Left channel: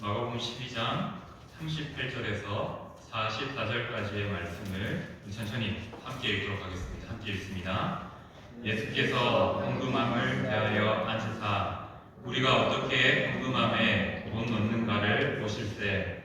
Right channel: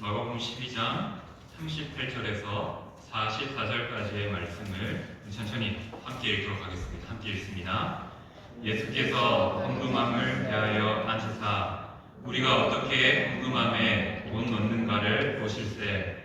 마가복음 12장 38절에서 44절까지의 말씀을 천천히 함께 읽도록 하겠습니다. 함께 읽습니다. 예수께서 헌금함을 대하여 앉으사 우리가 어떻게 헌금함에 돈 넣는가를 보실세.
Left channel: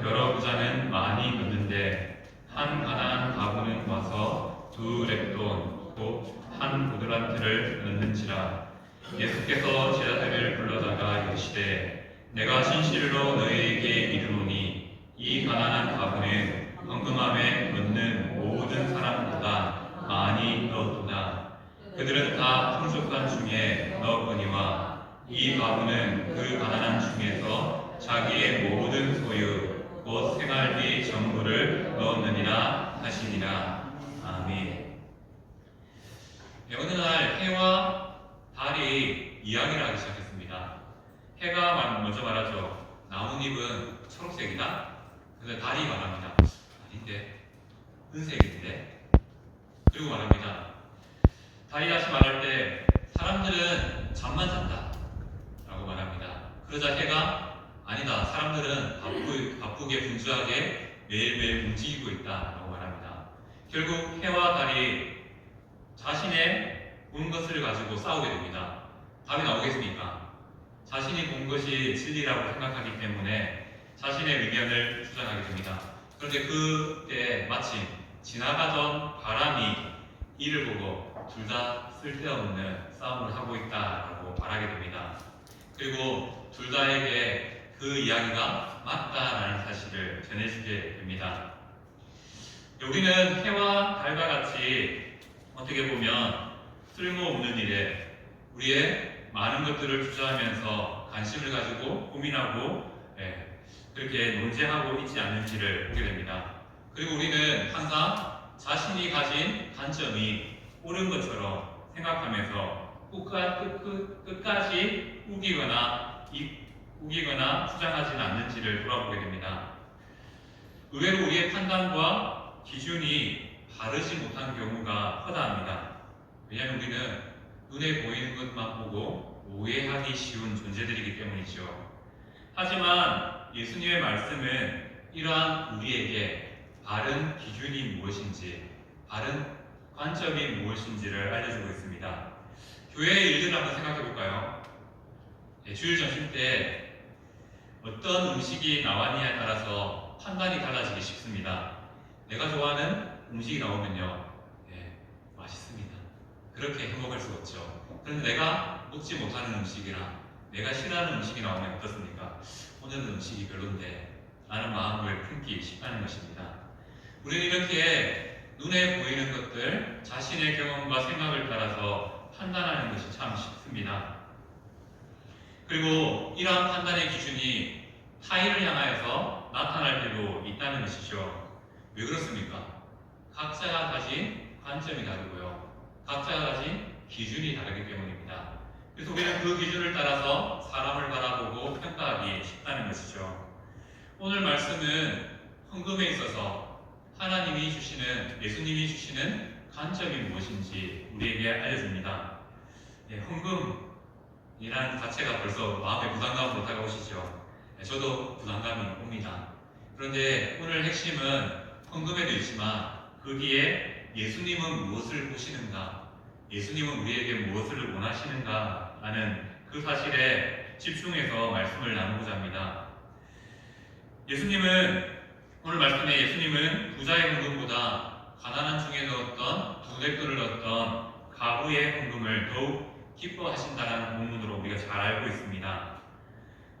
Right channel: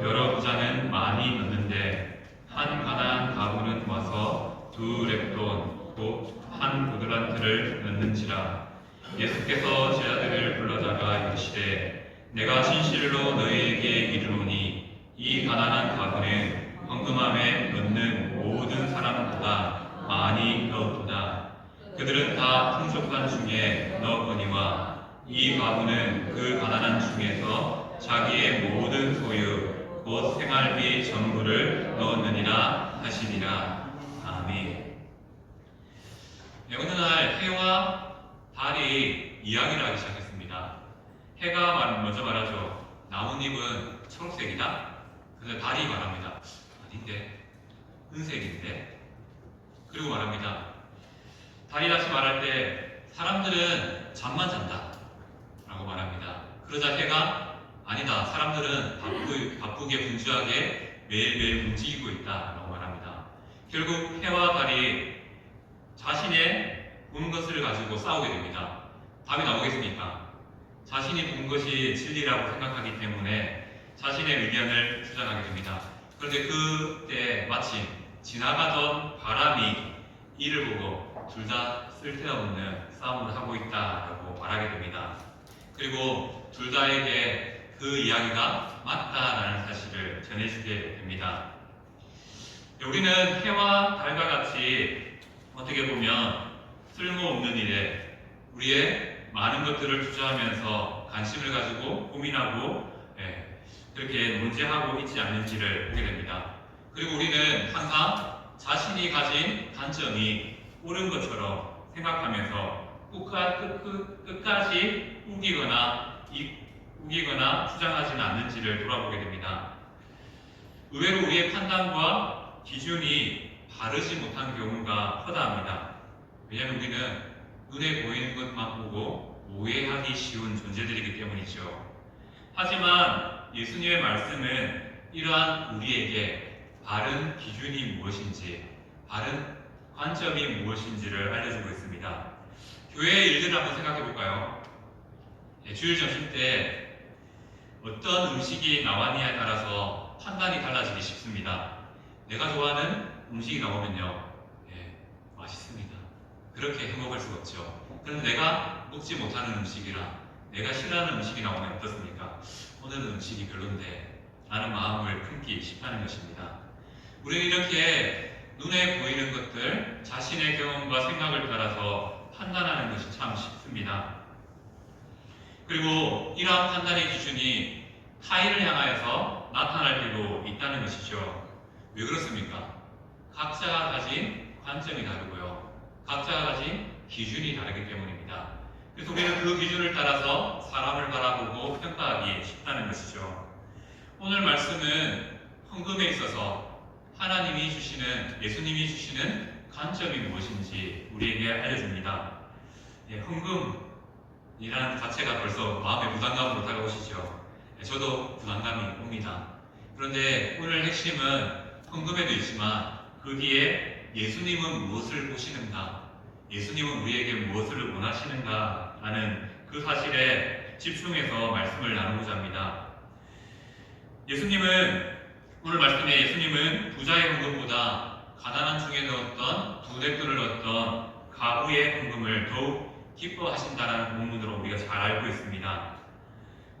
여러 부자는 많이 넣는데 한 가난한 가부는 와서 2렙돈 곧 한 보드란트를 넣는지라. 예수께서 제자들을 불러다가 이르시되 내가 진실로 너희에게 이르노니 이 가난한 가부는 헌금함에 넣는 모든 사람보다 많이 넣었도다. 그들은 다 풍족한 중에 넣었거니와 이 가부는 그 가난한 중에서 자기의 모든 소유 곧 생활비 전부를 넣었느니라 하시니라. 아멘. 네, 어느 날 해와 달이 이야기를 하기 시작했습니다. 해가 먼저 말하죠. 나뭇잎은 초록색이다. 그래서 달이 말합니다. 아닌데, 은색인데. 그리고 말합니다. 달이 다시 말할 때 사람들은 잠만 잔다 라고 말합니다. 그러자 해가 아니다. 사람들은 바쁘게 분주하게 매일매일 움직이고 있다 라고 말합니다. 결국 해와 달이 자신의 본 것을 가지고 싸우게 됩니다. 답이 나오겠습니까? 자신이 본 것이 진리라고 생각하기 때문에 자신의 의견을 주장하게 됩니다. 그런데 그때 마침 지나가던 바람이 이를 보고 둘 다 쓸데없는 싸움을 하고 있다라고 말하게 됩니다. 그리고 둘 다에게 그 이야기가 맞다라는 사실을 전해주게 됩니다. 여기는 해와 달과 같이 어떻게 보면 쓸모없는 일에 우리의 많은 것들을 투자하면서 관심을 가지고 고민하고 그렇게 논쟁하고 있지 않는지를 보게 됩니다. 그리고 우리는 항상 자신이 가진 관점이 옳은 것처럼 생각하면서 끝까지 우기거나 주장하지는 않는지를 돌아보게 됩니다. 의외로 우리의 판단과 기준이 바르지 못한 경우가 허다합니다. 왜냐하면 우리는 눈에 보이는 것만 보고 오해하기 쉬운 존재들이기 때문이죠. 하지만 예수님의 말씀은 이러한 우리에게 바른 기준이 무엇인지, 바른 관점이 무엇인지를 알려주고 있습니다. 교회의 일들을 한번 생각해 볼까요? 주일 점심 때 어떤 음식이 나왔느냐에 따라서 판단이 달라지기 쉽습니다. 내가 좋아하는 음식이 나오면요, 맛있습니다. 그렇게 해먹을 수가 없죠. 그럼 내가 먹지 못하는 음식이랑 내가 싫어하는 음식이 나오면 어떻습니까? 오늘은 음식이 별론데 라는 마음을 품기 쉽다는 것입니다. 우리는 이렇게 눈에 보이는 것들, 자신의 경험과 생각을 따라서 판단하는 것이 참 쉽습니다. 그리고 이러한 판단의 기준이 타인을 향하여서 나타날 때도 있다는 것이죠. 왜 그렇습니까? 각자가 가진 관점이 다르고요. 각자가 가진 기준이 다르기 때문입니다. 그래서 우리는 그 기준을 따라서 사람을 바라보고 평가하기 쉽다는 것이죠. 오늘 말씀은 헌금에 있어서 하나님이 주시는, 예수님이 주시는 관점이 무엇인지 우리에게 알려줍니다. 헌금이라는 자체가 벌써 마음에 부담감을 못 가져오시죠. 저도 부담감이 옵니다. 그런데 오늘 핵심은 헌금에도 있지만 거기에 예수님은 무엇을 보시는가, 예수님은 우리에게 무엇을 원하시는가 라는 그 사실에 집중해서 말씀을 나누고자 합니다. 오늘 말씀에 예수님은 부자의 헌금보다 가난한 중에 넣었던 2뎁돈을 넣었던 가부의 헌금을 더욱 기뻐하신다는 본문으로 우리가 잘 알고 있습니다.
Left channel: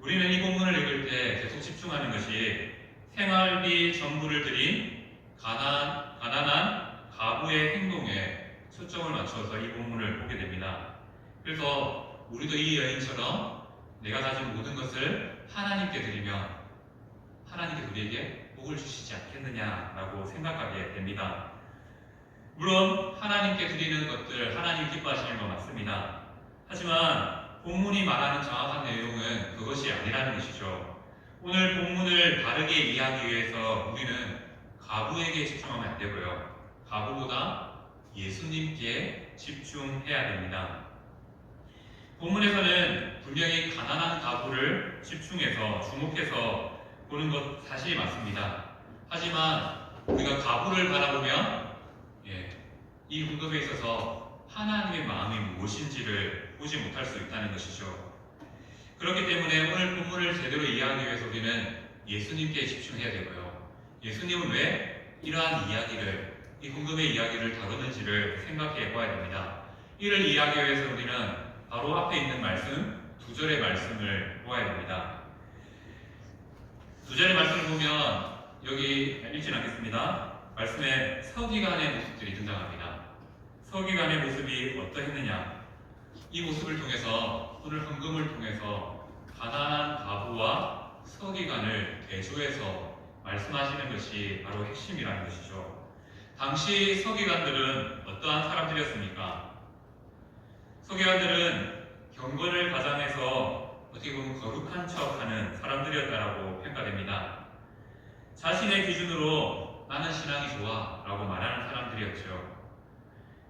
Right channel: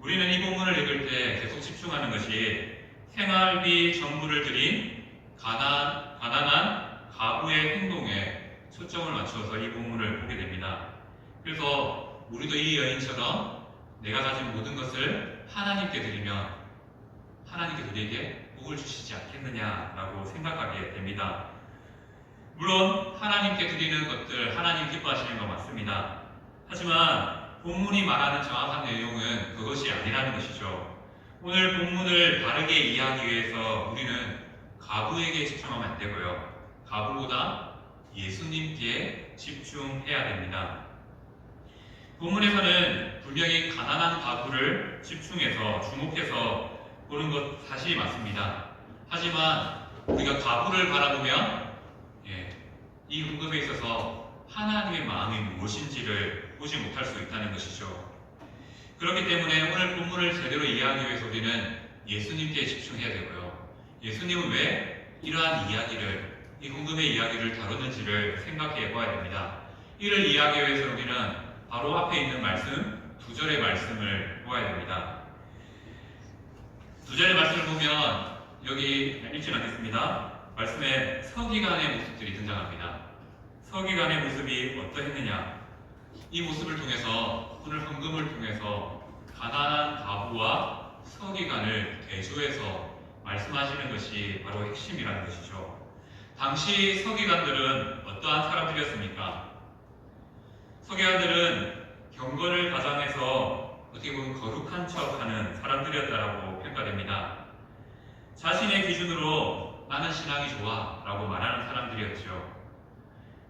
우리는 이 본문을 읽을 때 계속 집중하는 것이 생활비 전부를 드린 가난한 가부의 행동에 초점을 맞춰서 이 본문을 보게 됩니다. 그래서 우리도 이 여인처럼 내가 가진 모든 것을 하나님께 드리면 하나님께 우리에게 복을 주시지 않겠느냐라고 생각하게 됩니다. 물론 하나님께 드리는 것들 하나님 기뻐하시는 거 맞습니다. 하지만 본문이 말하는 정확한 내용은 그것이 아니라는 것이죠. 오늘 본문을 다르게 이해하기 위해서 우리는 가부에게 집중하면 안 되고요. 가부보다 예수님께 집중해야 됩니다. 본문에서는 분명히 가난한 가부를 집중해서 주목해서 보는 것 사실이 맞습니다. 하지만 우리가 가부를 바라보면 이 헌금에 있어서 하나님의 마음이 무엇인지를 보지 못할 수 있다는 것이죠. 그렇기 때문에 오늘 본문을 제대로 이해하기 위해서 우리는 예수님께 집중해야 되고요. 예수님은 왜 이러한 이야기를, 이 헌금의 이야기를 다루는지를 생각해 보아야 됩니다. 이를 이해하기 위해서 우리는 바로 앞에 있는 말씀, 2절의 말씀을 보아야 됩니다. 2절의 말씀을 보면 여기 읽지 않겠습니다. 말씀에 서기관의 모습들이 등장합니다. 서기관의 모습이 어떠했느냐? 이 모습을 통해서, 오늘 헌금을 통해서 가난한 가부와 서기관을 대조해서 말씀하시는 것이 바로 핵심이라는 것이죠. 당시 서기관들은 어떠한 사람들이었습니까? 서기관들은 경건을 가장해서 어떻게 보면 거룩한 척하는 사람들이었다라고 평가됩니다. 자신의 기준으로 나는 신앙이 좋아 라고 말하는 사람들이었죠.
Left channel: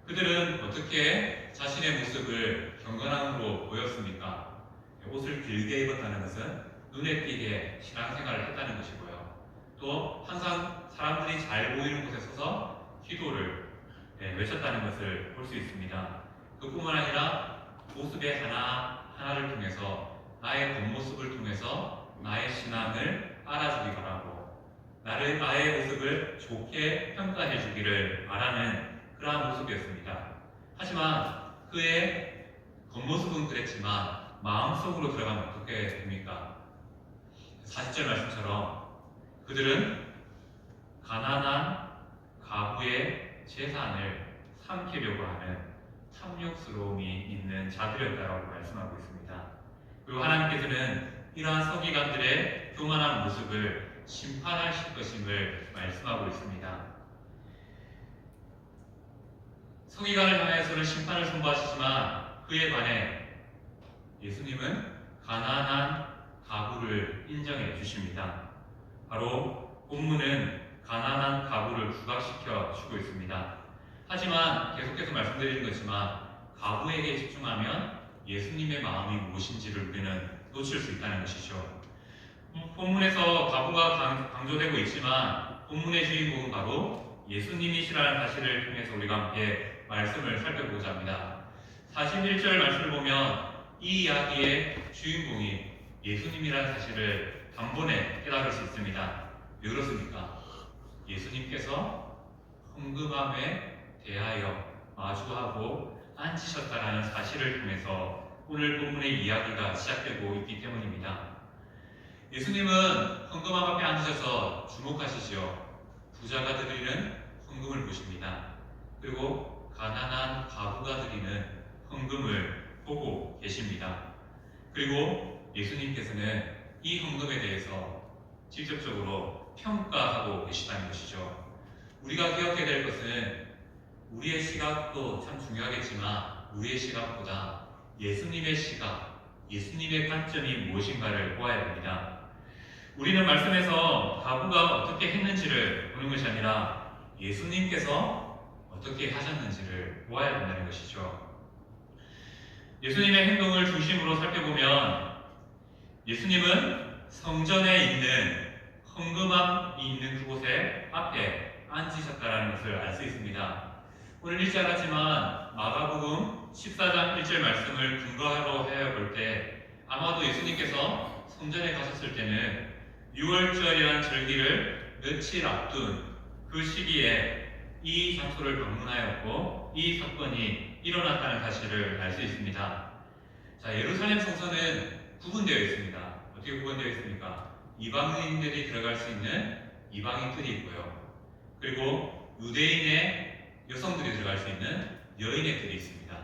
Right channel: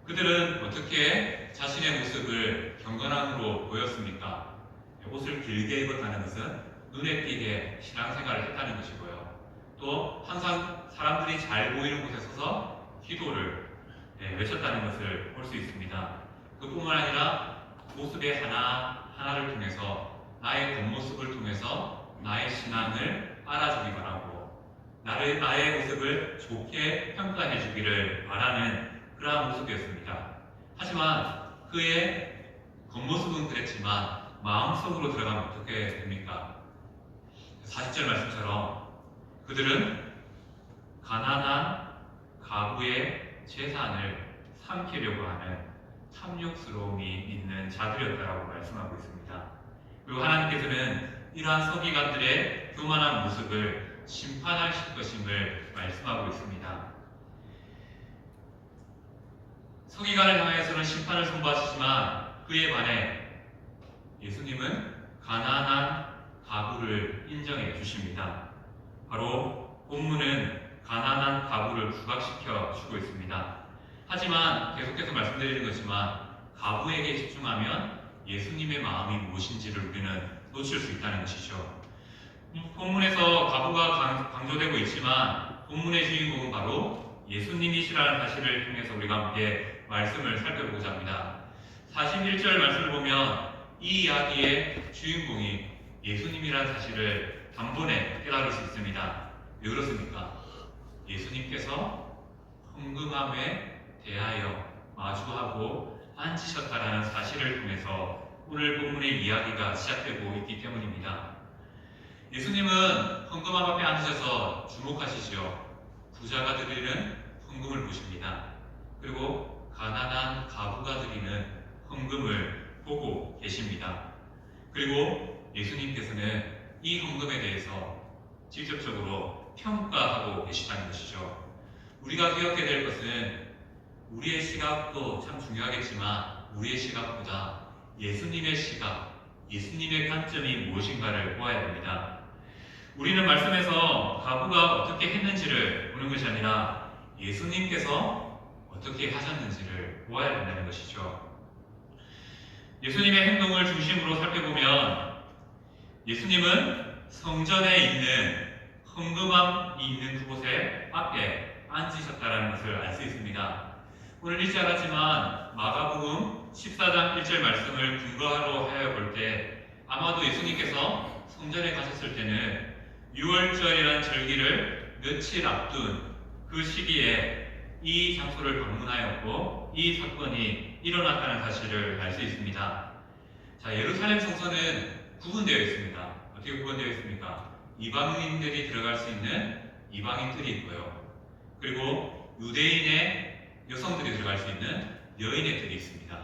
그들은 어떻게 자신의 모습을 경건함으로 보였습니까? 옷을 길게 입었다는 것은 눈에 띄게 신앙생활을 했다는 것이고요. 또 항상 사람들이 잘 보이는 곳에 서서 기도를 외쳤다는 것을 볼 수 있습니다. 그뿐만 아니라 모습의 하나하나를 통해서 나의 겉모습을 통해서 나의 신앙을 알아주기 바라고 나의 모습을 좋게 평가해 주기를 바라는 그러한 모습이었습니다. 하지만 그의 겉모습은 그랬지만 마음속으로 들어가면 어떻게 됩니까? 40절 말씀처럼 그들은 가난한 가부의 재산을 삼키려고 하는 탐욕스러움이 있는 자들이었다라고 말씀하고 있습니다. 그리고 하나님께서는 이러한 서기관들의 교만한 모습을 심판하실 것임을 말씀하고 있습니다. 서기관을 향해서는 심판을 선포하시지만 그에 관해 예수님은 가난한 가부를 인정해 주십니다. 바로 본문은 가난한 가부를 부각시켜 주고 있습니다. 하지만 계속해서 말씀드리는 것이지만 가부에게 집중하면 예수님의 마음이 무엇인지를 우리는 놓칠 수 있다는 것이죠. 본문에서 가부가 강조되고 있지만 본문의 주인공은 바로 예수님이시라는 사실을 통해서 우리가 함께 말씀을 살펴보고자 합니다. 41절 말씀을 보면 이 이야기의 주인공이 예수님이라는 사실을 단번에 깨달을 수 있습니다. 왜 그렇습니까? 예수님께서 헌금함에 대하여 마주하고 앉으셨다라는 사실을 통해서 오늘 본문의 이야기가 시작되고 있기 때문입니다. 예수님은 헌금함 앞에 앉으셔서 주목하시지요. 부자가 드리는 헌금을 보십니다. 그리고 가난한 가부가 드리는 헌금을 보고 계십니다. 그리고 예수님께서는 이 헌금에 대해서 직접적으로 평가하고 계시다는 것이죠. 우리가 기억해야 될 것은 우리의 시각도 참 중요하겠지만 우리의 시각보다 예수님의 시각, 예수님의 관점이 무엇인가를 보아야 됩니다. 우리는 말씀에서 가부가 어떻게 했는지를 보는 것이 아니라 예수님께서 어떻게 하셨는지를 보아야 된다는 것이죠. 예수님의 행동을 중심으로 살펴보면 예수님은 성전에 있는 헌금함이 있는 그곳에 앞에 앉으셨다는 것을 알 수 있습니다. 오늘 읽지 않았지만 마가복음 14장 1절 말씀을 근거하러 해볼 때 아마도 예수님께서 성전에 가셨을 때는 6월절이라는 절기를 며칠 앞둔 그 시기에 이 장소를 방문하였고 이 사건이 일어났다는 사실을 알 수 있습니다. 자, 예루살렘 성전은 구분되어 있습니다. 어떻게 구분되어 있습니까? 이방인들이 들어갈 수 있는 이방인들이 있고요. 그리고 유대인의 여성들이 들어갈 수 있는 여인의 뜰이 있습니다.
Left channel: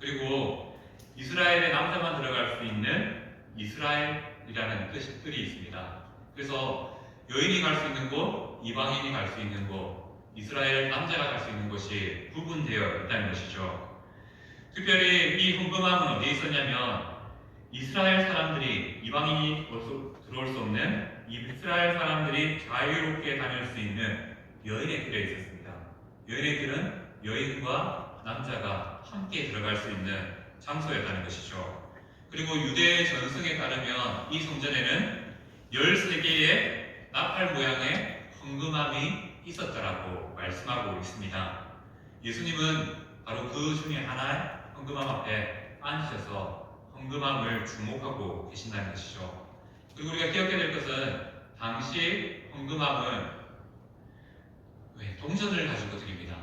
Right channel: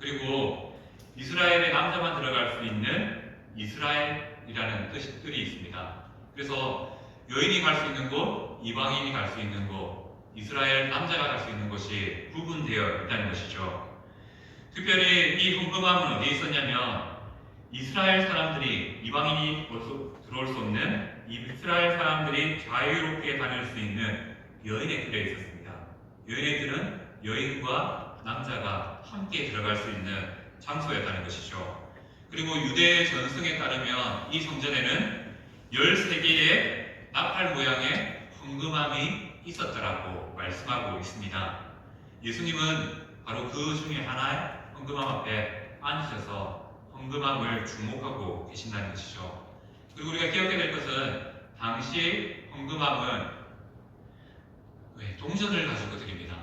그리고 이스라엘의 남자만 들어갈 수 있는 이스라엘이라는 뜰이 있습니다. 그래서 여인이 갈 수 있는 곳, 이방인이 갈 수 있는 곳, 이스라엘 남자가 갈 수 있는 곳이 구분되어 있다는 것이죠. 특별히 이 헌금함은 어디에 있었냐면 이스라엘 사람들이, 이방인이 들어올 수 없는 이스라엘 사람들이 자유롭게 다닐 수 있는 여인의 뜰에 있었습니다. 여인의 뜰은 여인과 남자가 함께 들어갈 수 있는 장소였다는 것이죠. 그리고 유대 전승에 따르면 이 성전에는 13개의 나팔 모양의 황금함이 있었다라고 말씀하고 있습니다. 예수님은 바로 그 중에 하나의 황금함 앞에 앉으셔서 황금함을 주목하고 계신다는 것이죠. 그리고 우리가 기억해야 될 것은 당시 황금함은 동전을 가지고 드립니다.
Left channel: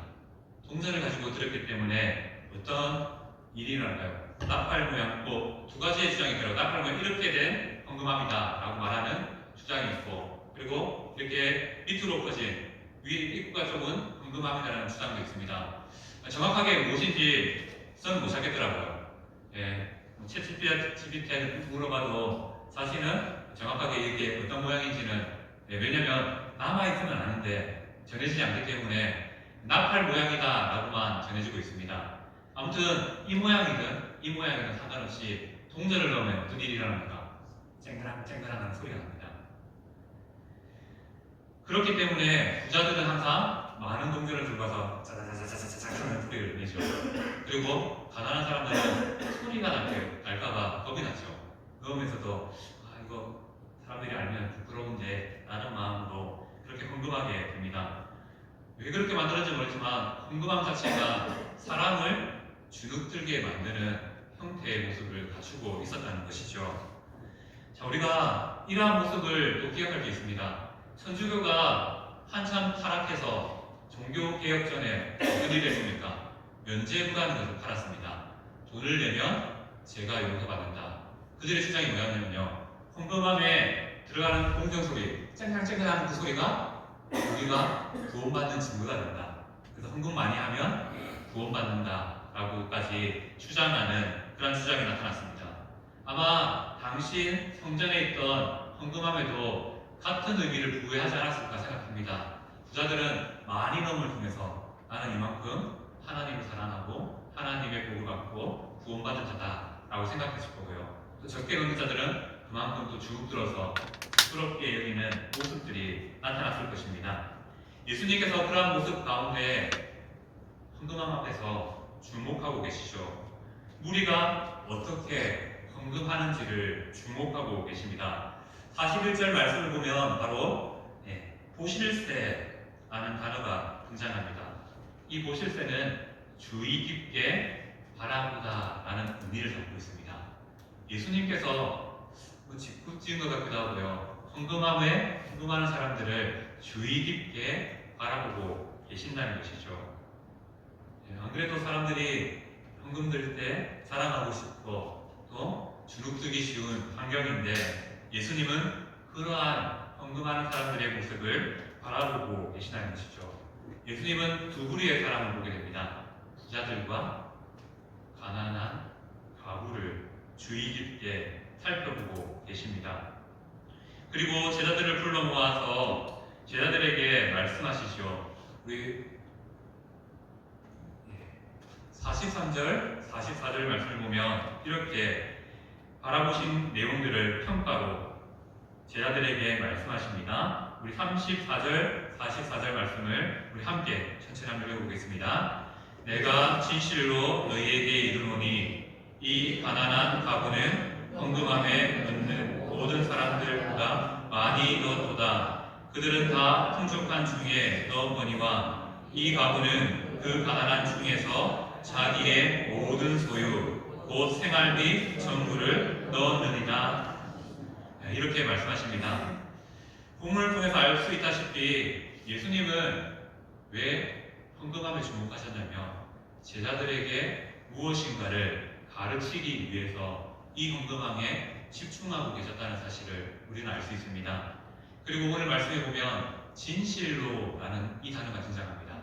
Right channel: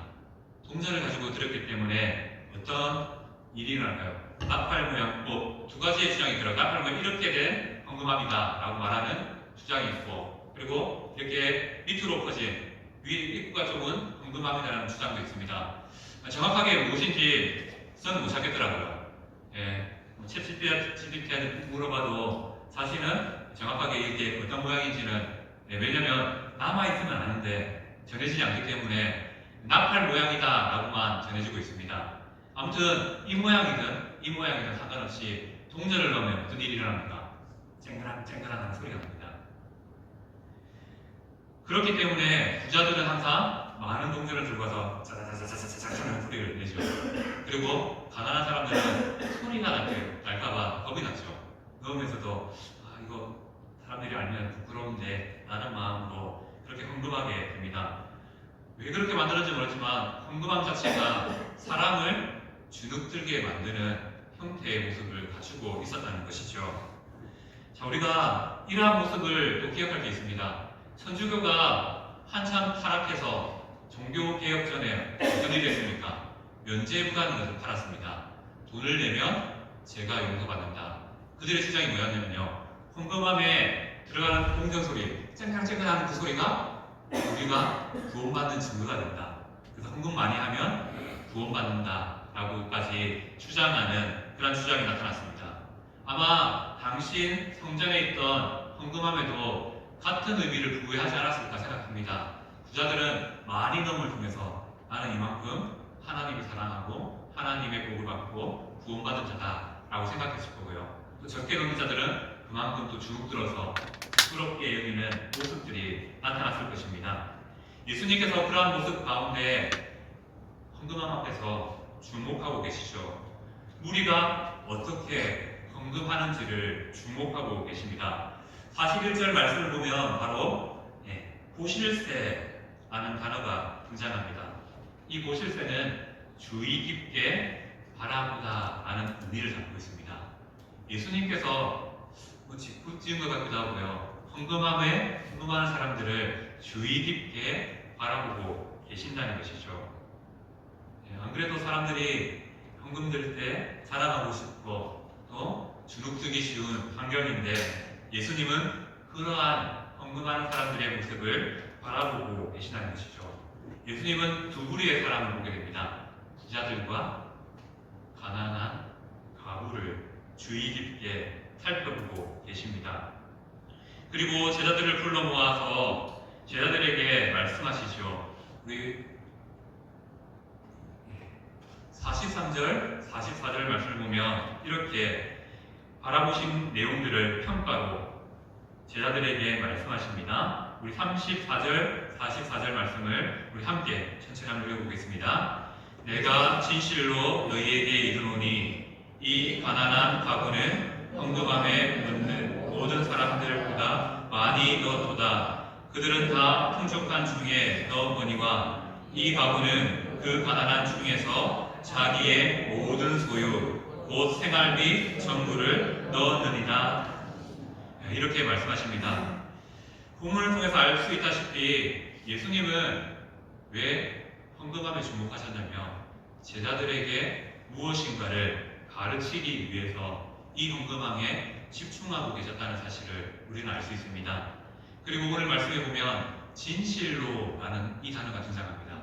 동전을 가지고 드렸기 때문에 어떤 일이 일어날까요? 나팔 모양, 두 가지의 주장이 들어요. 나팔 모양 이렇게 된 황금함이다 라고 말하는 주장이 있고, 그리고 이렇게 밑으로 퍼진 위 입구가 좁은 황금함이라는 주장도 있습니다. 정확하게 무엇인지 저는 못 찾겠더라고요. 챗GPT한테 물어봐도 사실은 정확하게 이게 어떤 모양인지는 왜냐면 남아있지는 않은데 전해지지 않기 때문에 나팔 모양이다 라고만 전해지고 있습니다. 아무튼 이 모양이든 상관없이 동전을 넣으면 어떤 일이 일어납니까? 쨍그랑 소리가 납니다. 그렇기 때문에 부자들은 항상 많은 동전을 들고 와서 짜자자자자자자 하는 소리를 내죠. 그리고 가난한 사람들은 소리가 날까봐 겁이 나죠. 그러면서도 이거 사람들이 알면 부끄러운데 라는 마음으로 그렇게 황금하게 됩니다. 왜 그렇게 만들어진지 모르지만 황금함 자체가 사람을 주눅들게 만드는 형태의 모습을 갖추고 있었다는 것이죠. 자, 우리가 이러한 모습을 또 기억할 게 있습니다. 천주교가 한참 타락해서 종교개혁 전에 어떤 일이 했습니까? 면죄부라는 것을 팔았습니다. 돈을 내면 죄가 용서받는다. 그들의 주장이 뭐였냐면요, 황금함에 들어가는 공경 소리, 쨍쨍쨍하는 그 소리가 우리가 구원받는 증거가 된다. 그래서 헌금 많이 하면 구원받는다 라고까지 주장하는 그런 주장이 나타났습니다. 아마 당시 성전에 있던 헌금함에도 같은 의미를 부여하지 않았을까 생각합니다. 부자들은 많이 넣음을 통해서 나는 이만큼 하나님을 사랑하고 하나님의 복을 받고 구원받은 자다라고 생각했을 거고요. 또 적게 넣는 자들은 그만큼 또 주눅들어서 부끄럽게 여기는 모습들이 나타났을 것입니다. 예수님께서 그러한 모습 가운데 헌금함 앞에서 주목하고 계시죠. 무리가 어떻게 헌금하는지를 주목하고 계십니다. 41절 말씀을 보면 바로 보실새라는 단어가 등장합니다. 이 보실새는 주의 깊게 바라보다 라는 의미를 담고 있습니다. 예수님께서 짓궂 지은 것 같기도 하고요, 헌금함에 헌금하는 사람들을 주의 깊게 바라보고 계신다는 것이죠. 안 그래도 사람들이 헌금 들 때 자랑하고 싶고 또 주눅들기 쉬운 환경인데 예수님은 그러한 헌금하는 사람들의 모습을 바라보고 계시다는 것이죠. 예수님은 두 부류의 사람을 보게 됩니다. 부자들과 가난한 가부를 주의 깊게 살펴보고 계십니다. 그리고 제자들을 불러 모아서 제자들에게 말씀하시죠. 우리 43절, 44절 말씀을 보면 이렇게 바라보신 내용들을 평가로 제자들에게 말씀하십니다. 우리 34절, 44절 말씀을 우리 함께 천천히 한번 읽어보겠습니다. 내가 진실로 너희에게 이르노니 이 가난한 가부는 헌금함에 넣는 모든 사람들보다 많이 넣었도다. 그들은 다 풍족한 중에 넣었거니와 이 가부는 그 가난한 중에서 자기의 모든 소유 곧 생활비 전부를 넣었느니라. 이렇게 말씀하십니다. 본문을 통해서 알 수 있다시피 예수님은 왜 헌금함에 주목하셨냐면 제자들에게 무엇인가를 가르치기 위해서 이 헌금함에 집중하고 계셨다는 사실을 우리는 알 수 있습니다. 그리고 오늘 말씀에 보면 진실로라는 이 단어가 등장합니다.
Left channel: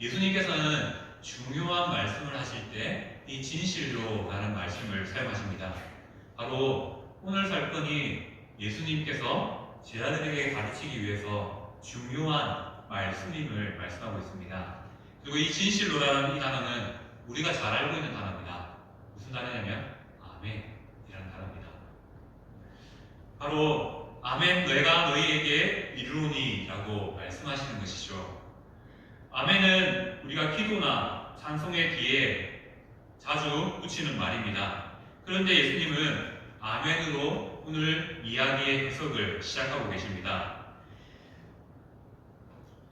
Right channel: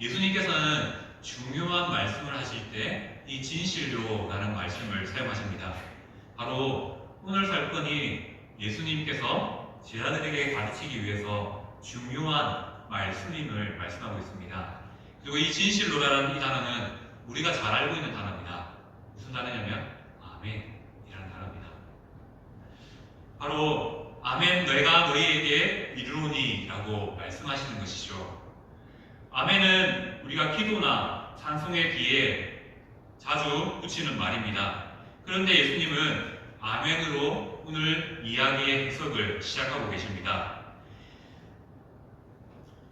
예수님께서는 중요한 말씀을 하실 때 이 진실로라는 말씀을 사용하십니다. 바로 오늘 살건이 예수님께서 제자들에게 가르치기 위해서 중요한 말씀임을 말씀하고 있습니다. 그리고 이 진실로라는 이 단어는 우리가 잘 알고 있는 단어입니다. 무슨 단어냐면 아멘이라는 단어입니다. 바로 아멘 내가 너희에게 이르노니 라고 말씀하시는 것이죠. 아멘은 우리가 기도나 찬송의 뒤에 자주 붙이는 말입니다. 그런데 예수님은 아멘으로 오늘 이야기의 해석을 시작하고 계십니다.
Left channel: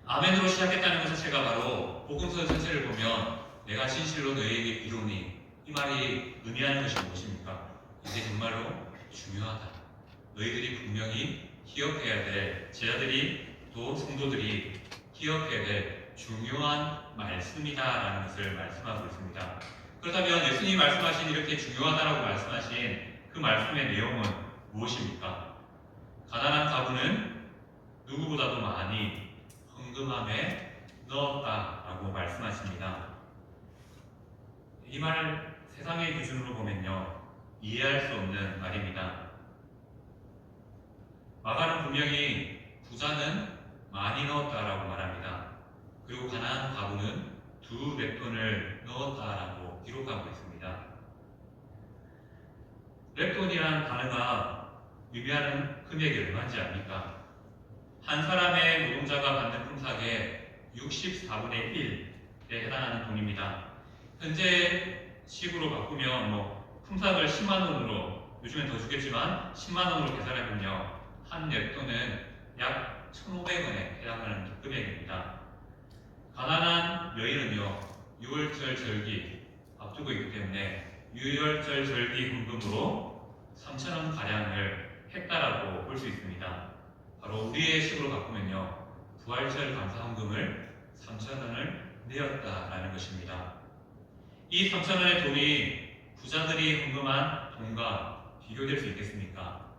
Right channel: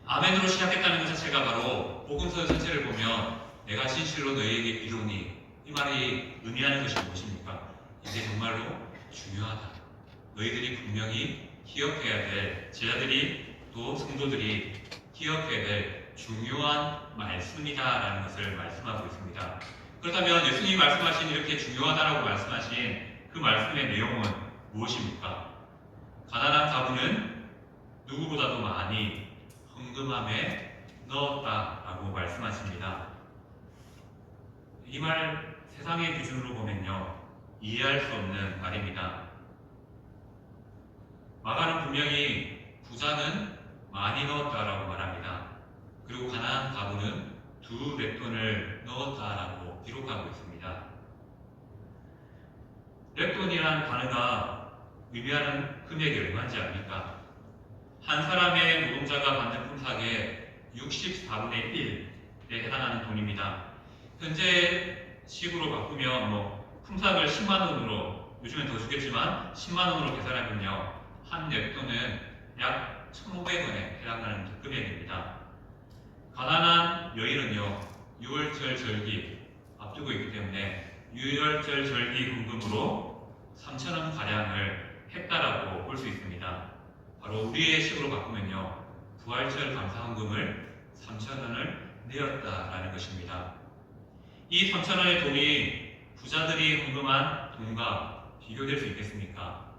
아멘으로 시작했다는 것 자체가 바로 복음서 전체를 보면 내가 진실로 너희에게 이르노니 이 말이 의미하는 것이 무엇입니까? 이게 정말로 중요하다. 너희들이 분명히 기억해야 될, 제자들이 또 성도들이 기억해야 될 중요한 말씀이다라는 것을 말씀하고 있습니다. 그렇다면 예수님이 말씀하신 이렇게 중요하다라고 말씀하신 그 말씀의 내용은 무엇입니까? 가난한 가부는 누구보다도 많이 헌금함에 넣었다라고 말씀하십니다. 이 말 세상의 기준으로 보면요, 이해할 수 없는 말입니다. 마가는 분명히 부자는 많이 넣었다라고 말합니다. 그리고 가난한 가부는 2렙돈을 넣었다라고 기록하고 있습니다. 렙돈이란 단어가 의미하는 금액이 얼마인지 압니까? 한 사람의 노동자가 받는 품삯의 64분의 1에 해당하는 돈입니다. 현재 식으로 바꾸면 품삯을 10만 원으로, 요즘엔 더 주겠지만 10만 원으로 계산하면요, 한 렙돈은 약 1,500원에 해당하는 금액입니다. 가난한 여인은요, 6월절 절기 앞두고 있기 때문에 6월절 절기 헌금으로 3,000원 가량을 했다라고 볼 수 있습니다. 바로 우리의 식으로 바꾸면요, 부활절 감사헌금을 3,000원을 내었다라는 것입니다. 이 3,000원의 돈이 부자들이 헌금한 돈과 비교될 수 있겠습니까?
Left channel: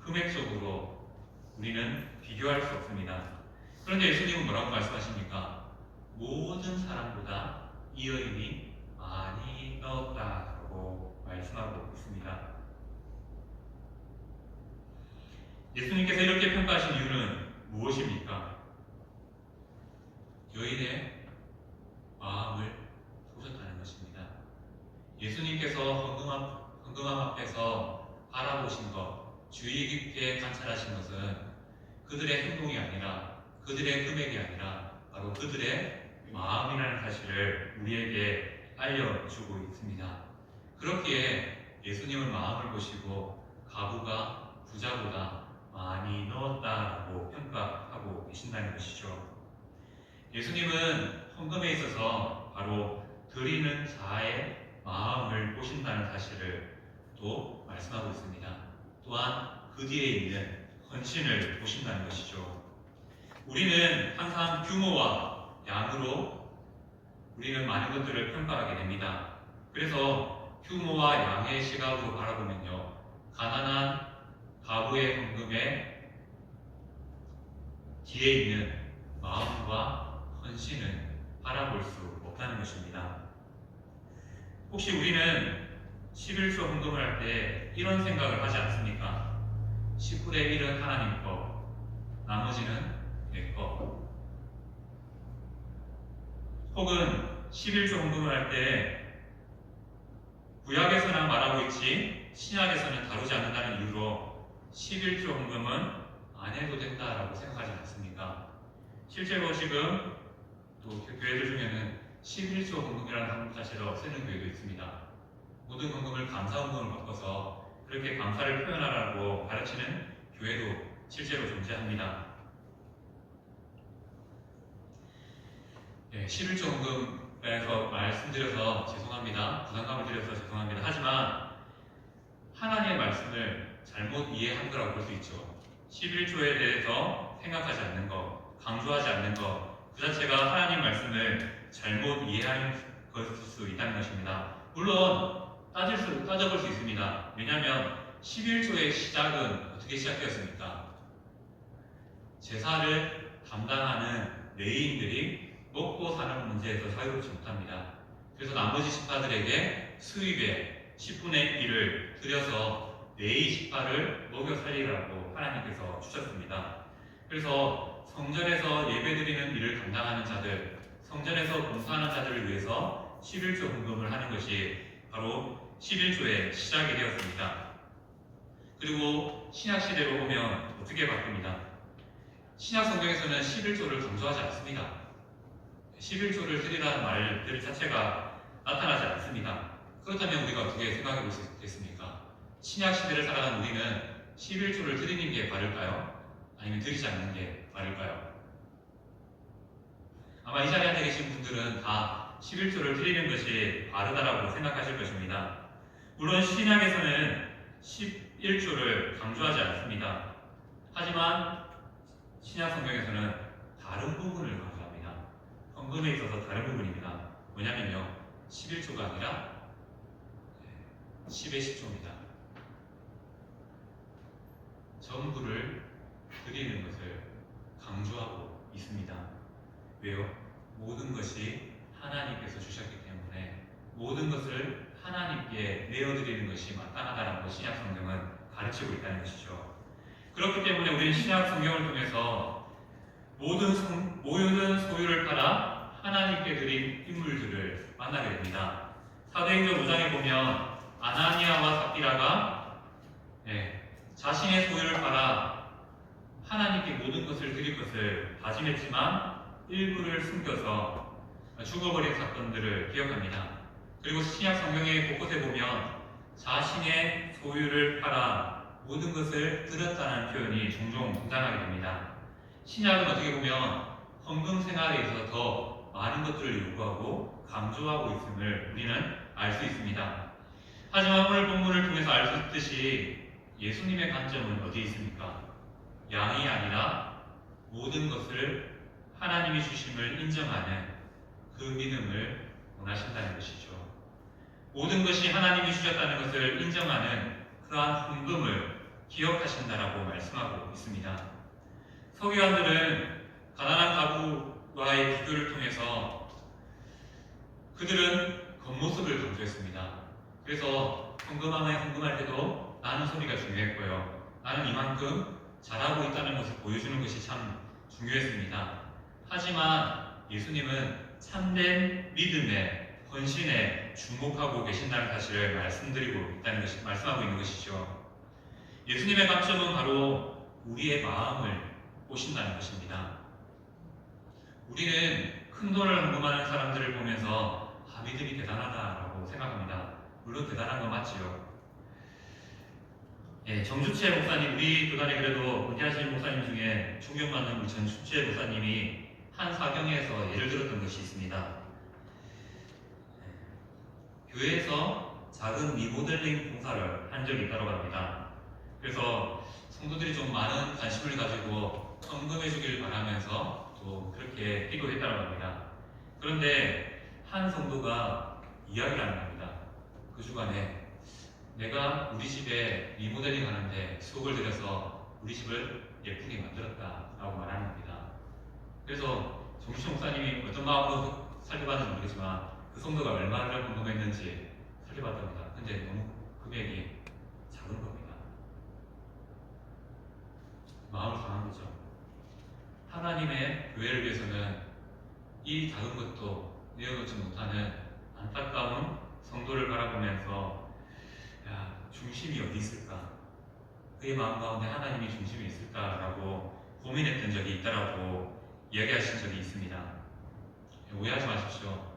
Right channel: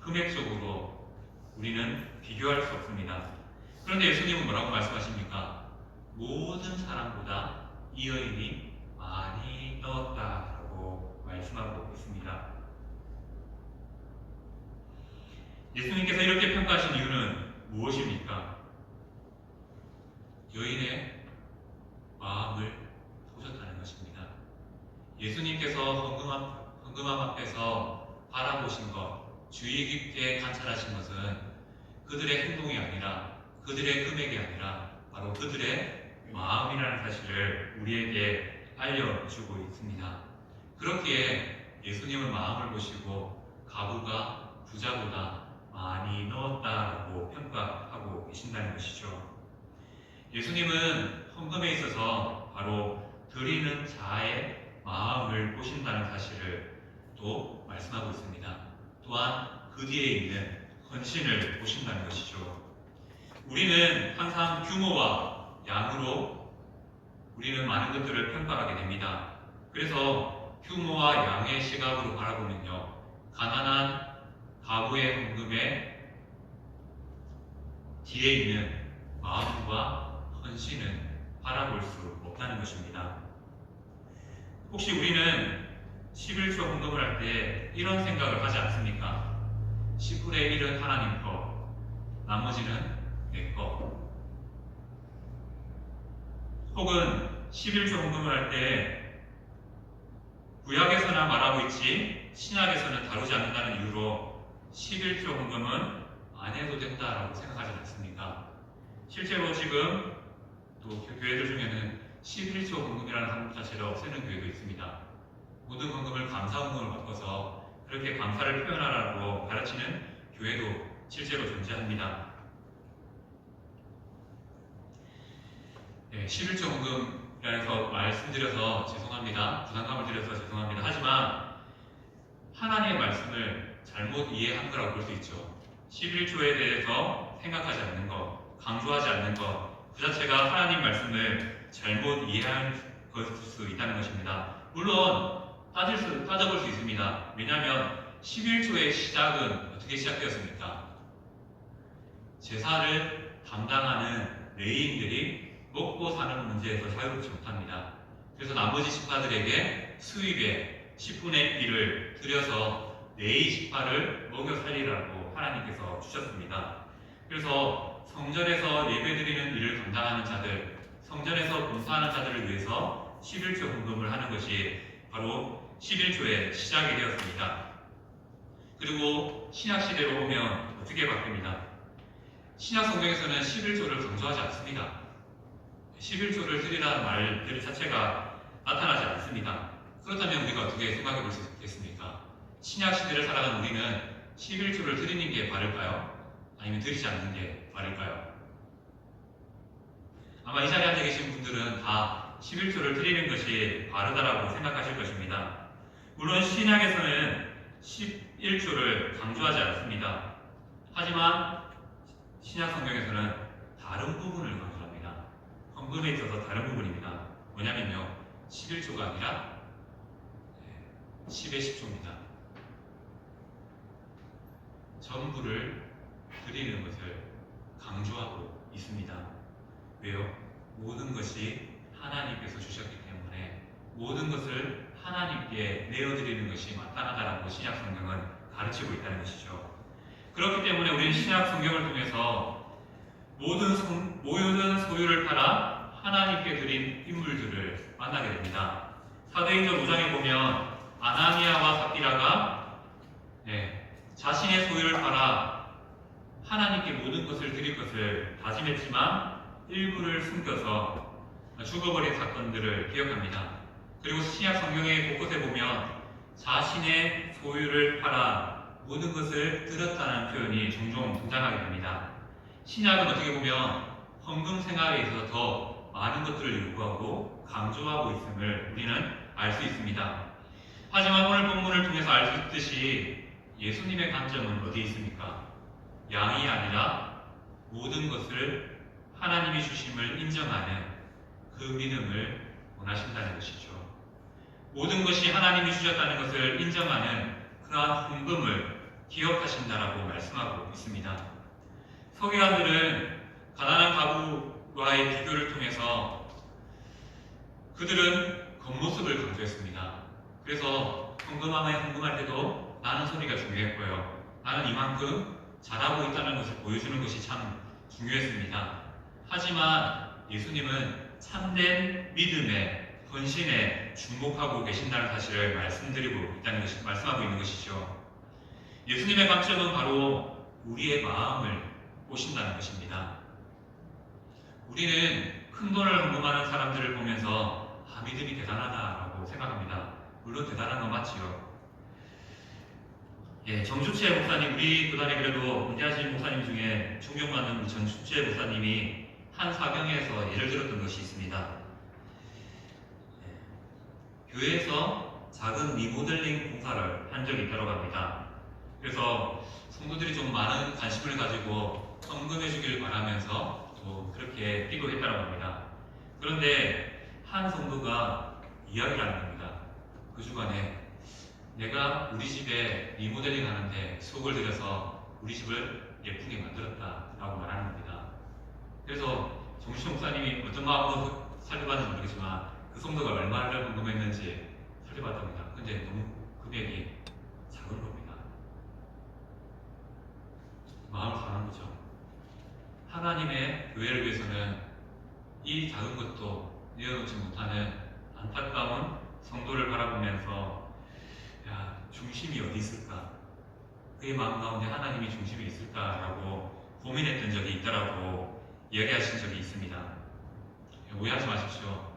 금액적으로 우리는 비교할 수 없습니다. 그런데 예수님은 뭐라고 말씀하십니까? 모든 사람보다 이 여인이 많이 넣었다고 말씀하고 있습니다. 예수님께서 이렇게 평가하신 이유는 무엇입니까? 여인의 마음을 보셨다는 것입니다. 예수님께서 헌금함 앞에서 바라보신 것, 주의 깊게 관찰하신 것은 그들의 행동이 아니라, 그들의 금액이 아니라 바로 그들의 마음이라는 사실을 우리에게 알려주고 있습니다. 그렇기에 예수님은 마음을 보시고 가부가 부자보다 많이 넣었다라고 평가하고 계신다는 것이죠. 예수님은 헌금에 있어서 바로 드리는 자의 마음을 보신다는 사실을 또 말씀하고 있습니다. 또한 그 뒤에 있는 헌신을 보신다는 것이죠. 우리는 항상 규모와 양으로 우리는 많은 것들을 평가하게 됩니다. 그래서 규모와 양의 시각으로 바라보면요, 가난한 가부의 헌금의 뒤에 있는 마음과 헌신은 바라볼 수 없다는 것입니다. 혹시 우리는 11조 헌금을 할 때 이런 생각을 하지 않습니까? 10분의 1은 하나님 거, 나머지는 내 거. 혹은 11조 헌금을 할 때 구약에서는 말하고 있지 신약에서는 다루지 않는다는 이유로 11조 헌금은 안 해도 된다라고 생각하지 않습니까? 실제로 지금 또 교회들 중에는 11조 헌금이라는 한국 자체로 쓰는 교회도 있습니다. 모든 헌금을 감사 헌금으로 바꿔서 그렇게 감사를 표현하라고 가르치는 교회도 실제로 존재합니다. 11조 헌금에서 말씀드려서 죄송합니다. 부담감을 드려서 죄송합니다. 하지만 하나님의 말씀을 잘못 이해한 거라고 볼 수 있죠. 11조에 대해서 생각하지 않는 것, 강조하지 않는 것, 그 자체가 하나님 말씀을 잘못 이해할 것일 수 있다는 것입니다. 물론 따져볼 수 있습니다. 왜냐하면 11조의 시작은 어떻게 시작되었습니까? 제사를 담당하는 레위인들이 먹고 사는 문제에서 자유롭지 못합니다. 그래서 나머지 지파들에게 수입의 10분의 1을 들여서 레위 지파를 먹여 살리라고 하나님께서 주셨습니다. 그래서 성전에서 예배드리는 일을 감당하는 자들, 성전에서 봉사하는 자들을 위해서 11조 헌금을 하는 것이 바로 11조의 시작이 되었습니다. 그리고 신약시대로 오면 어떻게 바뀝니다? 신약 성경에서는 11조를 강조하지 않습니다. 11조를 드리라는 말 자체가 나타나지 않습니다. 그렇다면 우리가 어떻게 생각해 볼 수 있겠습니까? 신약 시대를 살아가는 우리는 11조를 드리는 게 바를까요? 아니면 드리지 않는 게 바를까요? 아마 이 자리에 앉아 계신 분들은 다 11조를 드리는 것이 바르다라고 생각하실 것입니다. 물론 신약에서는 11조를 강조하지 않습니다. 하지만 신약 성경에서는 다른 부분을 강조합니다. 헌금에 있어서 다른 부분입니다. 뭐냐면요, 11조가 아니라 10의 10조입니다. 전부를 드리는 것을 강조하고 있습니다. 왜요? 모든 것이 하나님께서 주셨기 때문에 모든 것을 하나님께 내어드리는 것이 마땅하다라고 신약 성경은 가르치고 있다는 것이죠. 그렇기 때문에 우리는 신약 성경을 통해서 모든 소유를 팔아 하나님께 드린 인물들을 만나게 됩니다. 사도행전 5장에 보면 아나니아와 삽비라가 자신의 소유를 팔아 하나님께 모든 것을 드릴 것을 다짐했지만 일부를 숨겨서 죽어버린 사건들을 기억합니다. 그리고 신약 성경의 곳곳에 보면 자신의 소유를 팔아 모든 것을 드렸다는 표현이 종종 등장하게 됩니다. 신약은 어떻게 보면 헌금 생활에 있어서 더 많은 것들을 요구하고 강조하고 있음을 우리는 알 수 있습니다. 하지만 오늘 본문을 통해서 알 수 있듯이 예수님의 관점은 어디에 있습니까? 양이 아니라 모든 것을 하나님이 주심을 인정하는 그 믿음을 원하신다는 것이죠. 모든 것이 하나님이 주셨다는 것을 인정하는 그러한 헌금을 기억하신다라고 말씀하고 있습니다. 서기관들은 가난한 가부와의 비교를 통해서 그들은 겉모습을 강조했습니다. 그래서 헌금할 때도 나는 소리가 중요했고요. 나는 이만큼 잘하고 있다는 것을 보여주는 것이 참 중요했습니다. 하지만 예수님은 참된 믿음에 헌신에 주목하고 계신다는 사실을 말씀하고 있는 것이죠. 예수님의 관점은 바로 우리의 마음을 보신다는 것입니다. 우리는 큰 돈을 헌금하는 사람들을 보면서 믿음이 대단하다라고 생각합니다. 물론 대단한 건 맞지요. 정수채 목사님, 우리 교단에 그래도 은퇴하신 목사님 중에 존경받는 우리 정수채 목사님이 한 사경에서 예를 들었던 것이 있습니다. 교회에서 작은 리모델링 공사를 한 적이 있다고 합니다. 그래서 성도들이 좀 많은 관심을 가지고 헌금해 주길 바라면서 또 그렇게 기도했다고 합니다. 그런데 한 성도가 이야기를 하는 겁니다. 그 주간에 내가 우리 집에 리모델링 하는데 수억을 들여서 우리 집을 예쁘게 만들었다라고 말하는 겁니다. 그래서 정신 목사님이 어떤 마음으로 살펴봤는지 모르겠지만 그 성도가 얼마를 헌금했는지 살펴봤답니다. 근데 너무 금액이 작은 겁니다. 마음을 상한 거죠. 하나님의 교회를 위해서는 이 작은 것도 내어놓지 못하는 안타까운 성도를 바라보면서 중심이 어디 있을까? 그의 마음 가운데 하나님이 중심이 있을까라고 고민했던 적이 있다라고 얘기하신 적이 있습니다. 오해하지 마십시오.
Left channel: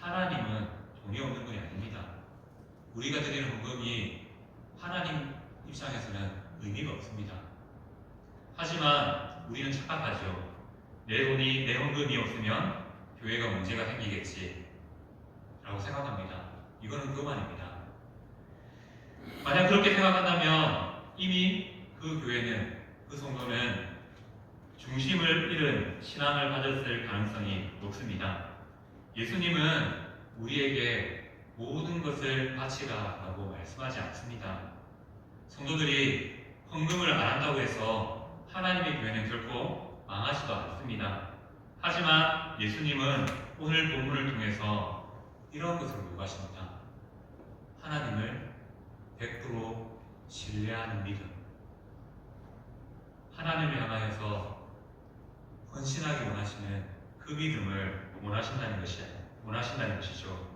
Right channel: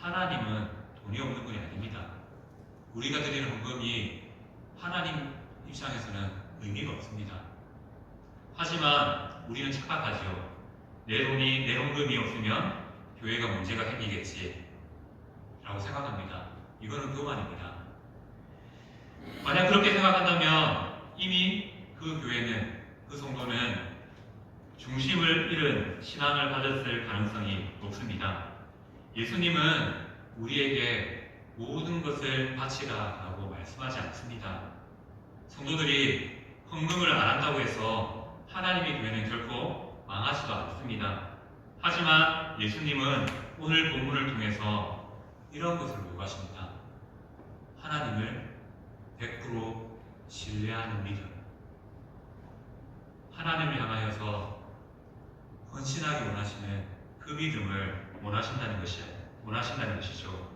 하나님은 돈이 없는 분이 아닙니다. 우리가 드리는 헌금이 하나님 입장에서는 의미가 없습니다. 하지만 우리는 착각하죠. 내 돈이, 내 헌금이 없으면 교회가 문제가 생기겠지 라고 생각합니다. 이거는 교만입니다. 만약 그렇게 생각한다면 이미 그 교회는, 그 성도는 중심을 잃은 신앙을 가졌을 가능성이 높습니다. 예수님은 우리에게 모든 것을 바치라라고 말씀하지 않습니다. 성도들이 헌금을 안 한다고 해서 하나님의 교회는 결코 망하지도 않습니다. 하지만 예수님은 오늘 본문을 통해서 이런 것을 요구하십니다. 하나님을 100% 신뢰하는 믿음. 하나님을 향하여서 헌신하기 원하시는 그 믿음을 원하신다는 것이죠.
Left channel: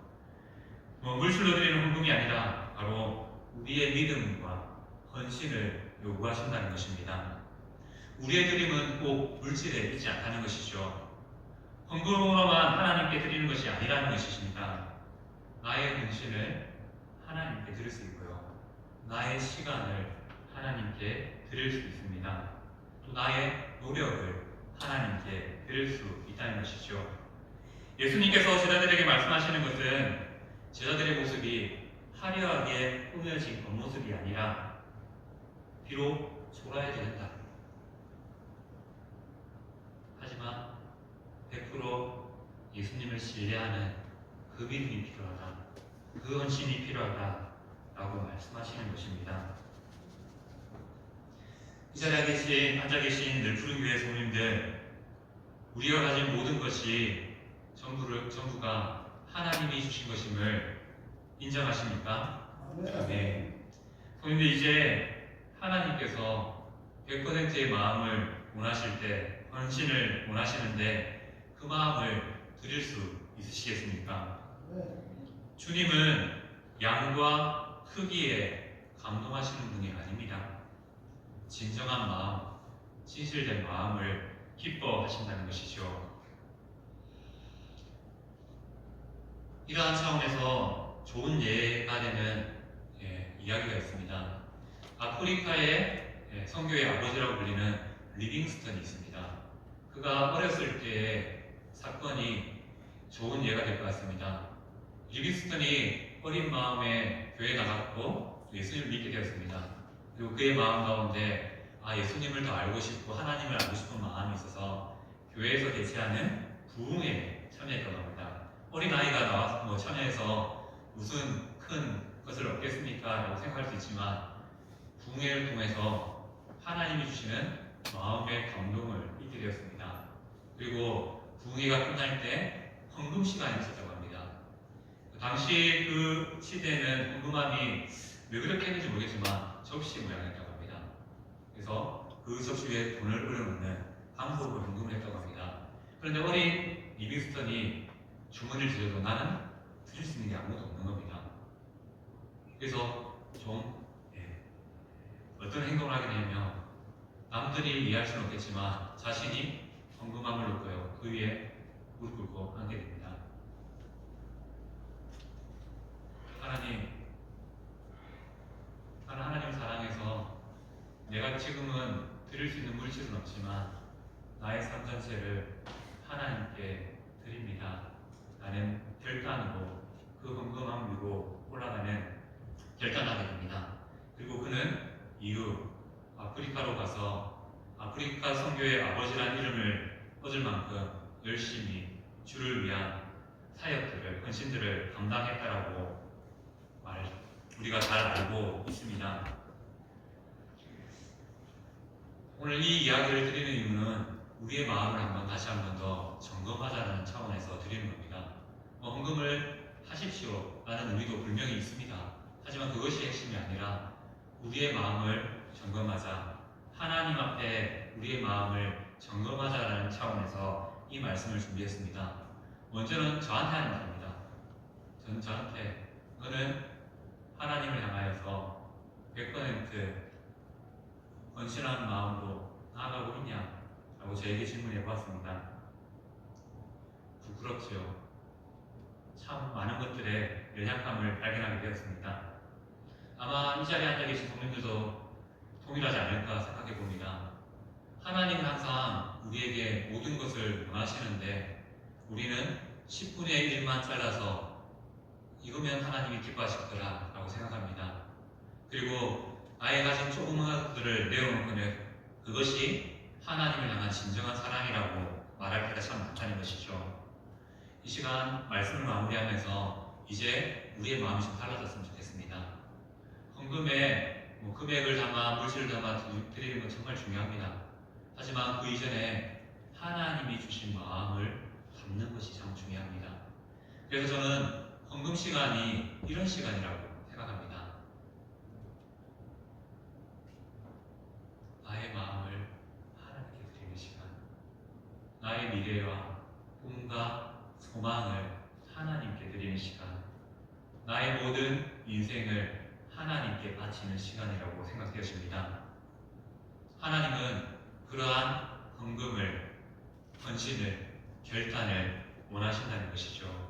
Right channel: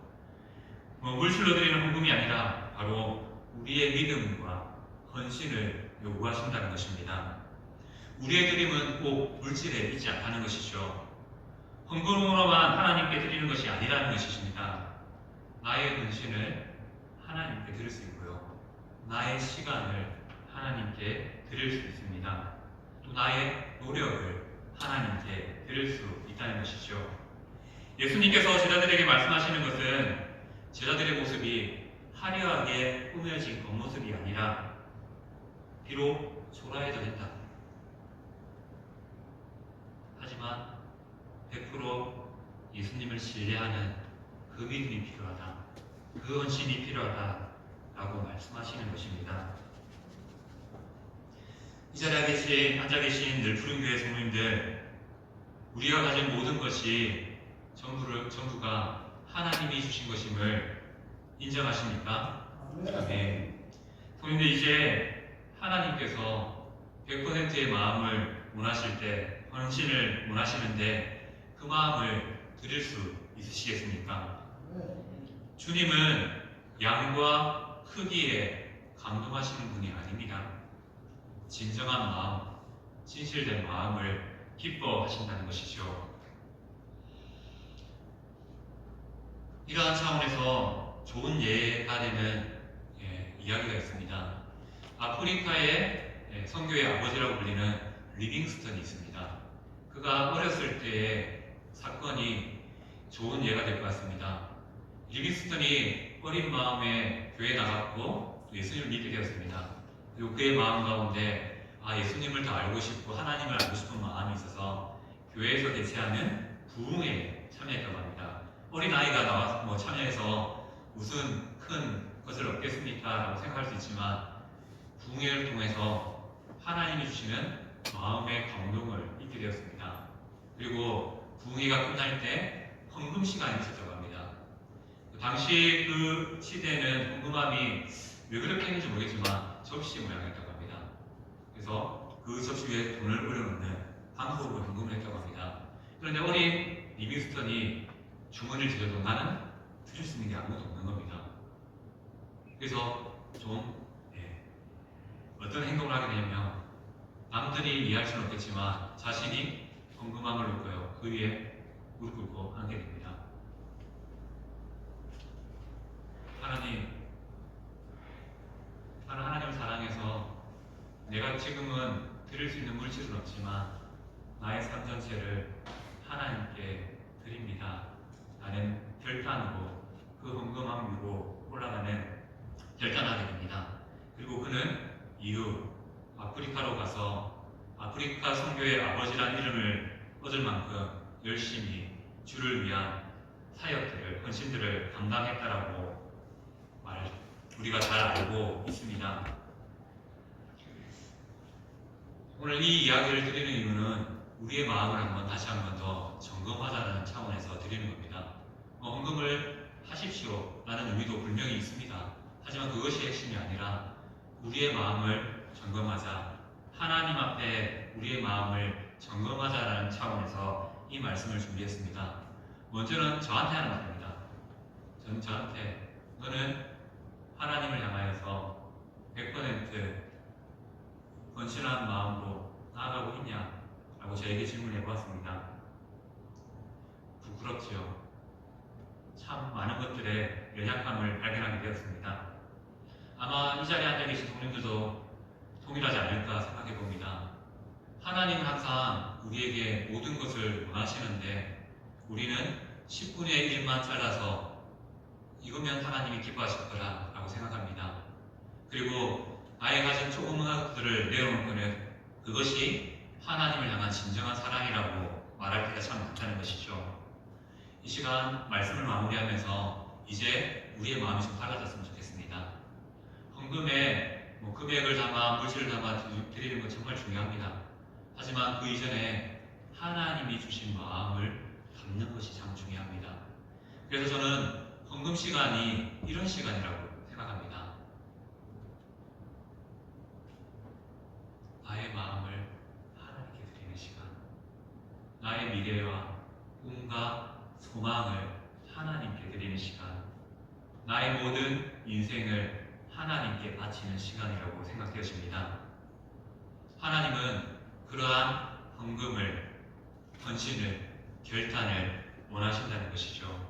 물질로 드리는 헌금이 아니라 바로 우리의 믿음과 헌신을 요구하신다는 것입니다. 우리의 드림은 꼭 물질에 있지 않다는 것이죠. 헌금으로만 하나님께 드리는 것이 아니라는 것이십니다. 나의 헌신을 하나님께 드릴 수 있고요. 나의 시간을 하나님께 드릴 수 있습니다. 또 나의 노력을 하나님께 드릴 수 있다는 것이죠. 예수님께서 제자들에게 말씀하시는 것은 제자들의 모습이 화려하게 꾸며진 겉모습이 아니라 비록 초라해도 된다. 하지만 100% 예수님을 신뢰하는 그 믿음이 필요하다. 그 헌신이 필요하다라고 말씀하시는 것입니다. 이 자리에 앉아 계신 늘푸른 교회 성도님들, 우리가 가진 모든 것이 전부가 하나님이 주신 것임을 인정하십니까? 네. 성도님들, 이제 하나님께서 100%의 마음을 원하실 때, 헌신을 원하시는데 그 마음을 드릴 수 있으시겠습니까? 주님은 양과 크기에 감동하시는 분이 아닙니다. 진정한 마음, 진실된 마음을 기뻐하신다는 것이죠. 이러한 차원에서 좋은 예가 되는 이야기가 있습니다. 아프리카의 선교의 아버지라고 불리는 리빙스턴이 있습니다. 그가 어렸을 때의 사건이 좋은 예가 될 것 같습니다. 리빙스턴이 어린 마음에 교회에 나갔고 예수님을 믿게 되었습니다. 그리고 그의 마음 가운데 예수님을 더 알고 싶고 하나님을 알고 싶은 마음이 있어서 교회에서 개최하는 부흥회에 참여했다고 합니다. 어린아이가 나와서 참여해서 무슨 큰 것을 얻겠습니까? 라고 생각할 수 있지만 부흥회를 통해서 하나님이 주시는 마음의 감동을 잊게 되었습니다. 그리고 부흥회가 끝날 때 헌금 시간이 있었다고 합니다. 당시 그 시대에는 헌금함이 왜 그렇게 했는지 모르겠지만 접시 모양이었다고 합니다. 그래서 그 접시 위에 돈을 올려놓는 방법으로 헌금을 했다고 합니다. 그런데 어린 리빙스턴이 주머니를 들여도 나는 주실 수 있는 게 아무것도 없는 겁니다. 그래서 좀 어떤 행동을 하게 되냐면 남들이 이해할 수는 없겠지만 자신이 헌금함을 놓고요. 그 위에 무릎 꿇고 하게 됩니다. 하나님을 사랑해서 내가 지금은 드릴 수 있는 물질은 없지만 나의 삶 전체를 하나님께 드립니다. 나는 결단으로 그 헌금함 위로 올라가는 결단하게 됩니다. 그리고 그는 이후 아프리카로 가서 아프리카 선교의 아버지라는 이름을 얻을 만큼 열심히 주를 위한 사역들을, 헌신들을 감당했다라고 우리가 잘 알고 있습니다. 오늘 이 이야기를 드리는 이유는 우리의 마음을 다시 한번 더 점검하자는 차원에서 드리는 겁니다. 헌금을 하십시오 라는 의미도 분명히 있습니다. 하지만 그것이 핵심이 아니라 우리의 마음을 점검하자, 하나님 앞에 우리의 마음을 점검하자라는 차원에서 이 말씀을 준비했습니다. 먼저는 저한테 하는 말입니다. 저한테 너는 하나님을 향하여서 100% 헌신한 마음으로 나아가고 있냐? 라고 저에게 질문해 보았습니다. 부끄럽지요. 참 많은 것들에 연약함을 발견하게 되었습니다. 아마 이 자리에 앉아 계신 성도님들도 동일하지 않을까 생각해 봅니다. 하나님은 항상 우리에게 모든 것을 원하시는데 우리는 10분의 1만 잘라서 이거면 하나님이 기뻐하실 거라 라고 생각합니다. 그리고 나의 가진 조그마한 것들을 내려놓으면 그것이 하나님을 향한 진정한 사랑이라고 말할 때가 참 많다는 것이죠. 이 시간 말씀을 마무리하면서 이제 우리의 마음이 좀 달라졌으면 좋겠습니다. 헌금에 금액을 담아 물질을 담아 드리는 건 정말 중요합니다. 하지만 그 이전에 하나님이 주신 마음을 담는 것이 참 중요합니다. 그래서 저는 헌금 시간이 이런 시간이라고 생각합니다. 나의 마음을 하나님께 드리는 시간, 나의 미래와 꿈과 소망을 하나님께 드리는 시간, 나의 모든 인생을 하나님께 바치는 시간이라고 생각되었습니다. 하나님은 그러한 헌금을, 헌신을, 결단을 원하신다는 것이죠.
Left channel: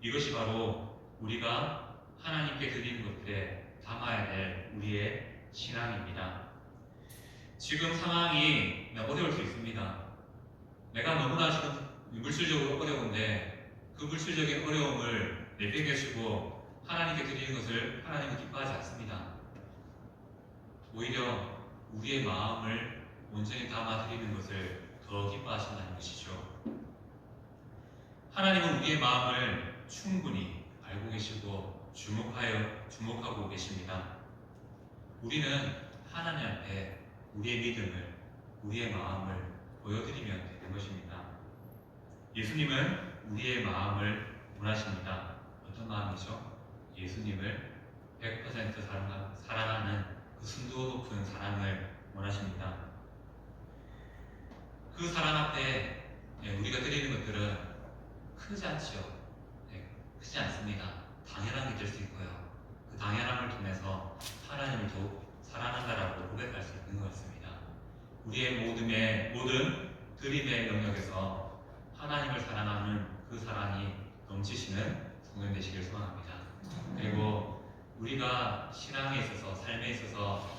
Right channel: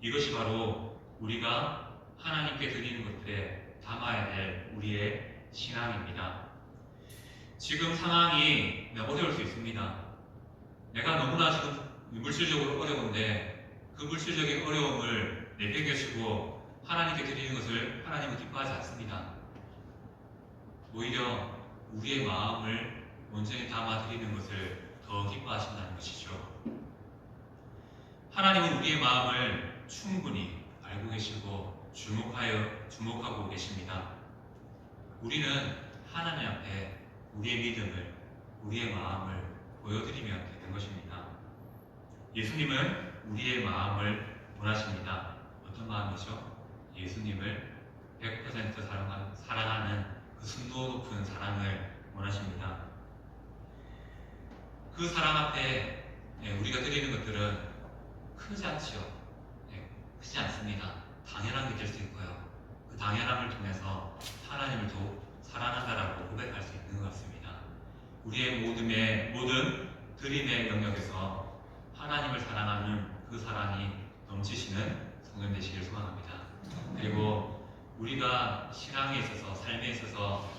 이것이 바로 우리가 하나님께 드리는 것들에 담아야 될 우리의 신앙입니다. 지금 상황이 어려울 수 있습니다. 내가 너무나 지금 물질적으로 어려운데 그 물질적인 어려움을 내팽개치고 하나님께 드리는 것을 하나님은 기뻐하지 않습니다. 오히려 우리의 마음을 온전히 담아 드리는 것을 더 기뻐하신다는 것이죠. 하나님은 우리의 마음을 충분히 알고 계시고 주목하고 계십니다. 우리는 하나님 앞에 우리의 믿음을, 우리의 마음을 보여드리면 되는 것입니다. 예수님은 우리의 마음을 원하십니다. 어떤 마음이죠? 예수님을 100% 사랑하는 그 순도 높은 사랑을 원하십니다. 그 사랑 앞에 우리가 드리는 것들은 크지 않죠. 크지 않습니다. 당연한 게 될 수 있고요. 그 당연함을 통해서 하나님을 더욱 사랑한다라고 고백할 수 있는 것 같습니다. 우리의 모든 드림의 영역에서 하나님을 사랑하는 그 사랑이 넘치시는 성도님 되시길 소원합니다. 그리고 우리가 신앙에 있어서, 삶에 있어서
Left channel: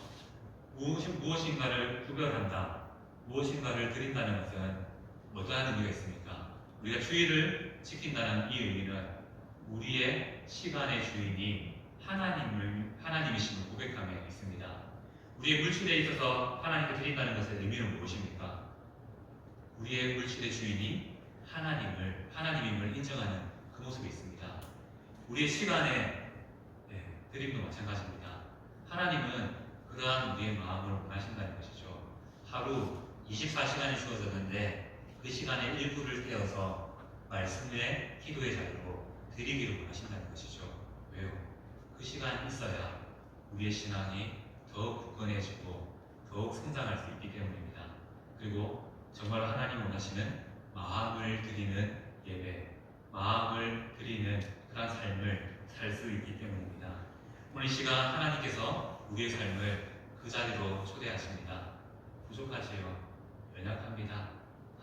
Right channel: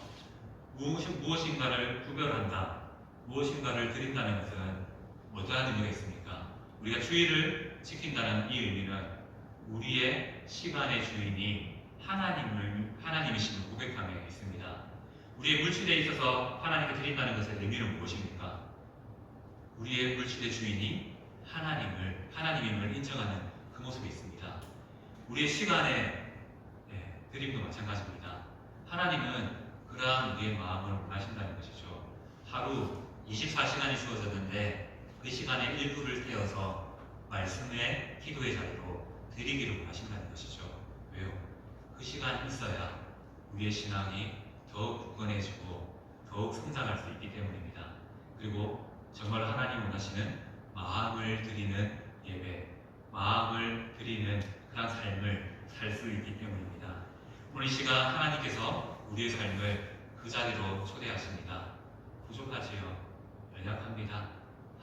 무엇인가를 구별한다, 무엇인가를 드린다는 것은 어떠한 의미가 있습니까? 우리가 주의를 지킨다는 이 의미는 우리의 시간의 주인이 하나님이심을 고백함에 있습니다. 우리의 물질에 있어서 하나님께 드린다는 것의 의미는 무엇입니까? 우리의 물질의 주인이 하나님임을 인정하는 그 모습이 있습니다. 우리의 시간에 드림도 마찬가지입니다. 하나님은 그러한 우리의 마음을 원하신다는 것이죠. 하루 24시간이 주어졌는데 그 시간의 일부를 떼어서 말씀의 기도의 자리로 드리기를 원하신다는 것이죠. 왜요? 그 시간이 있어야 우리의 신앙이 더욱 굳건해지고 더욱 성장할 수 있기 때문입니다. 그리고 정말 하나님 원하시는 마음을 드리는 예배, 마음을 드리는 그런 삶을 살 수 있기 때문입니다. 오늘 이 시간 하나님께서 우리의 삶을 그 자리로 초대하십니다. 부족하지요. 연약합니다.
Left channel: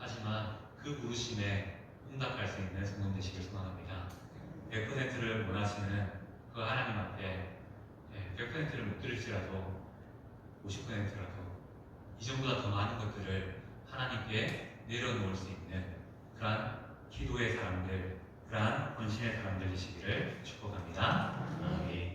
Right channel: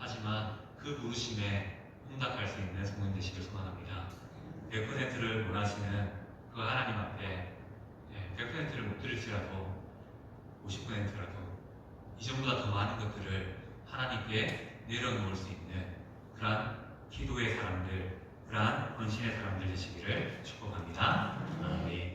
하지만 그 부르심에 응답할 수 있는 성도 되시길 소원합니다. 100%를 원하시는 그 하나님 앞에 100%를 못 드릴지라도 50%라도 이전보다 더 많은 것들을 하나님께 내려놓을 수 있는 그러한 기도의 사람들, 그러한 헌신의 사람들 되시기를 축복합니다. 아멘.